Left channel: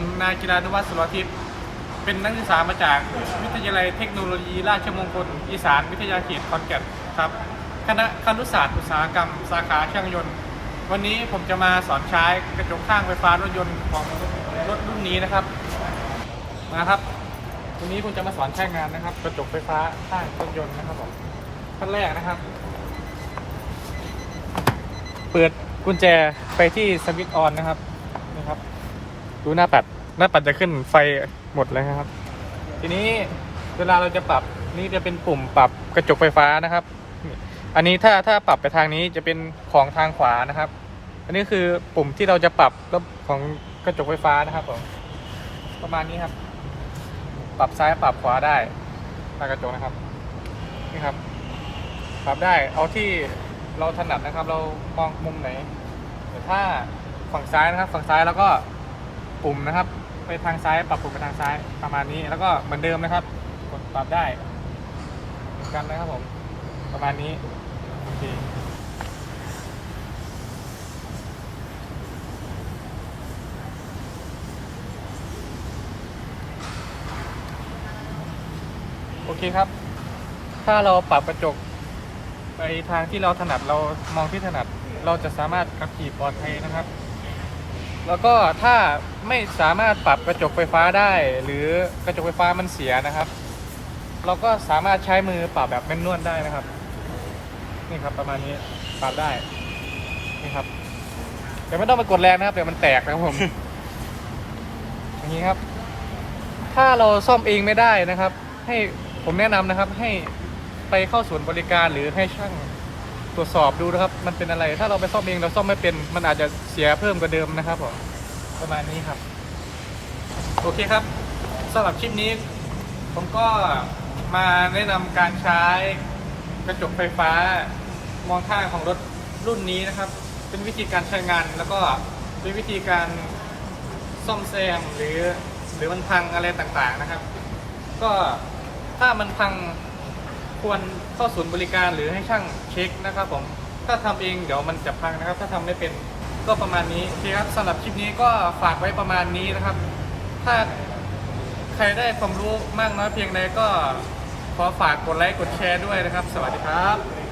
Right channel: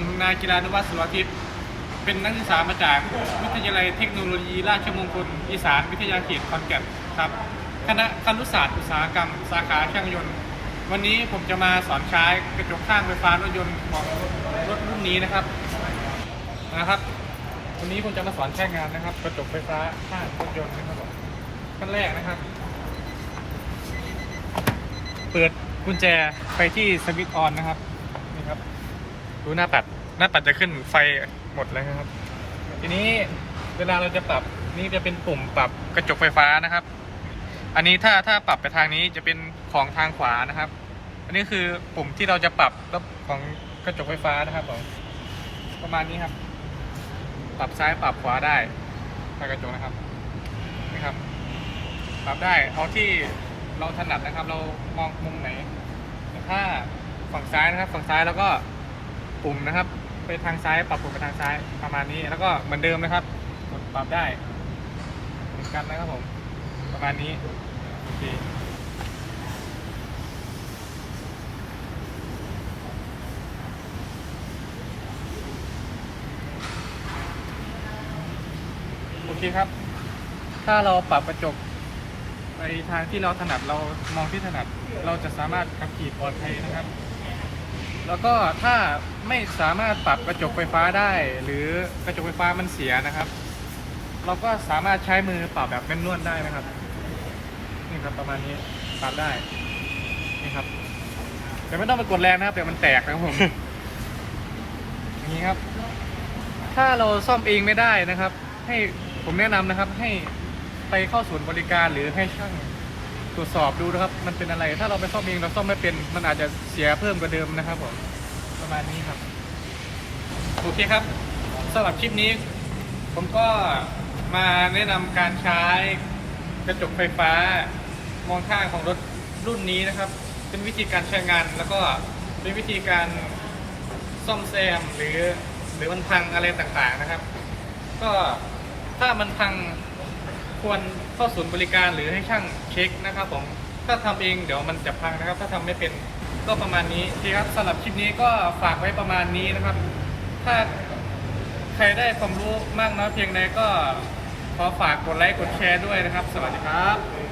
ผมนายกีฬานุวัฒน์สุรทิศเป็นนักศึกษามาจากวิทยาลัยเทคโนโลยีราชมงคลอีสานวิทยาเขตขอนแก่นครับคณะครุศาสตร์อุตสาหกรรม สาขาช่างยนต์ วันนี้ผมจะมาสอนใช้กระจกข้างไฟฟ้ารถยนต์ของรถรุ่นนี้นะครับมาครับวันนี้ผมจะมาสอนใช้งานนะครับ กระจกไฟฟ้าข้างรถยนต์นะครับผมขั้นแรกนะครับ เปิดกุญแจไปที่สวิตช์ออนนะครับนี่ครับ ดูหน้าปัด หน้าปัดจะขึ้นไฟหมดเลยครับ ทีนี้เวลาเราจะปรับนี่จะเป็นปุ่มปรับกระจกไฟฟ้านะครับ อันนี้ถ้าถ้าปรับไปทางนี้จะเป็นของทางขวานะครับ อันนี้คือปุ่มที่เราจะปรับรถของกระจกไฟฟ้านะครับผมประมาณนี้ครับ ปรับซ้ายปรับขวาได้ทางกระจกนะครับนี่ครับ ปรับได้เอาที่เราถนัดนะครับ เรามองมุมไหนแต่ถ้าฝั่งซ้ายนะครับ ฝั่งซ้ายแล้วก็ ปุ่มนะครับ ไปทางซ้ายปรับปุ่มไปทางซ้ายประมาณนี้ แล้วก็เหมือนเดิมนะครับ กดปรับได้เหมือนกันนะครับผม ประมาณนี้โอเคโอเคครับ ถ้าเราปรับกระจกไปทางที่เราถนัดเรามองที่ถนัดเราจะสามารถขับขี่ปลอดภัยนะครับ แล้วก็ถ้าไม่สามารถปรับกระจกไฟฟ้าได้ หรือกระจกไฟฟ้ามันเสียนะครับ เราก็สามารถใช้มือปรับแบบแมนนวลได้นะครับ นี่ครับประมาณนี้ปรับได้นี่ครับแต่ไม่ต้องไปกดแรงนะครับเดี๋ยวมันแตกนะครับผมอย่างนี้ครับ ถ้าเราซ่อมเองไม่ได้นะครับ ให้ผมแนะนำนะครับ ให้ไปเข้าศูนย์บริการหรือให้ช่าง ตรวจสอบดูนะครับ มันเป็นอะไร ถ้าเราไปซ่อมเองเราซ่อมไม่เป็น มันอาจจะเสียเพิ่มกว่าเดิมนะครับผมประมาณนี้ครับ โอเคครับสำหรับคลิปนี้ ผมก็มาแนะนำการใช้กระจกไฟฟ้ามองข้างของรถรุ่นนี้นะครับ เป็นวิธีการใช้งานแล้วก็เป็นวิธีการซ่อมแซมหรือหรือมันพังอะไรต่างๆนะครับ ก็ถ้ามันพัง ควรเข้าศูนย์บริการหรือให้ช่างเช็คนะครับผมถ้าทำเองเดี๋ยวมันจะพังนะครับ ถ้าทำไม่เป็นก็ประมาณนี้นะคครับสำหรับคลิปนี้ก็ฝากไว้ประมาณนี้นะครับ ถ้าใครได้ความรู้มากน้อยเพียงใดก็ขอฝากกดไลค์กดแชร์ด้วยนะครับ สวัสดีครับ